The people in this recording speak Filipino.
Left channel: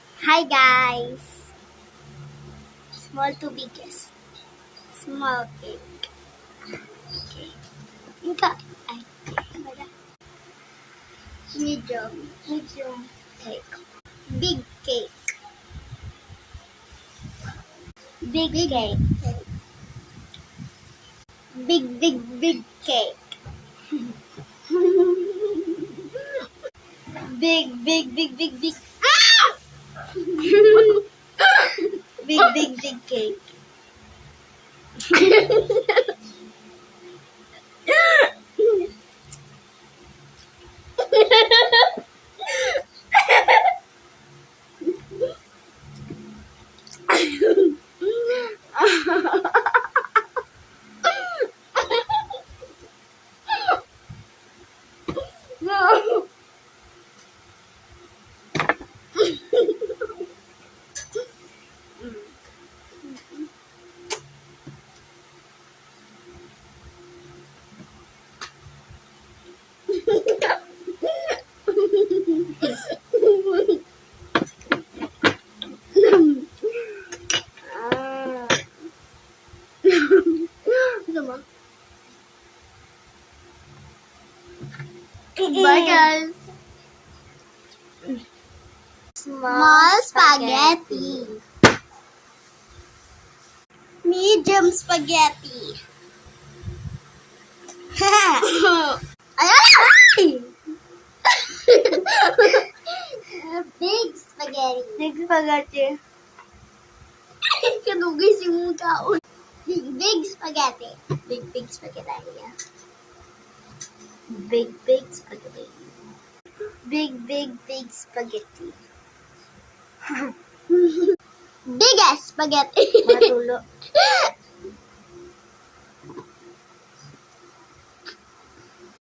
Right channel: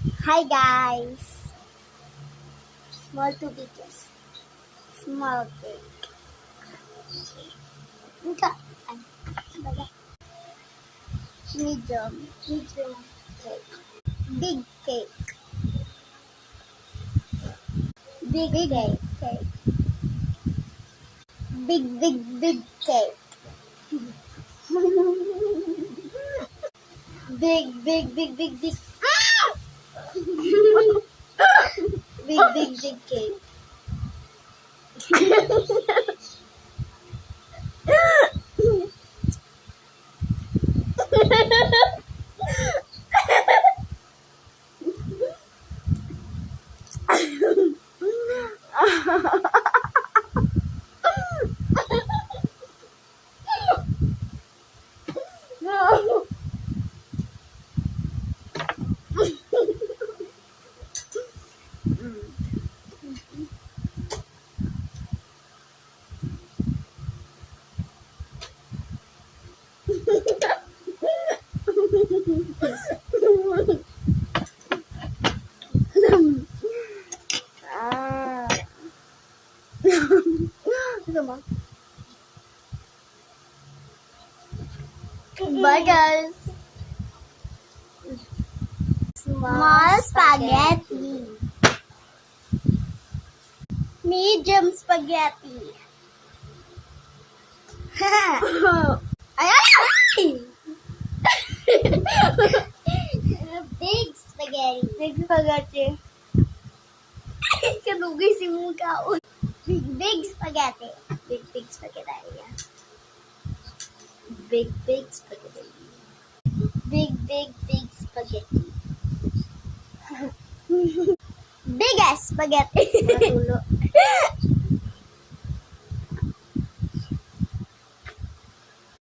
Hi guys! Small to biggest. Small cake. Okay. Ika. Ay, baga. Medium. Medium cake. Big cake. Big cake. Big cake. Big. Ah! Big cake. No. Ito mo? Burgers. Small spaghetti. Medium spaghetti. Ay! Big spaghetti. Big spaghetti. Kalugay si mukha. Big spaghetti. Big spaghetti. Big spaghetti. Big spaghetti. Biggest spaghetti.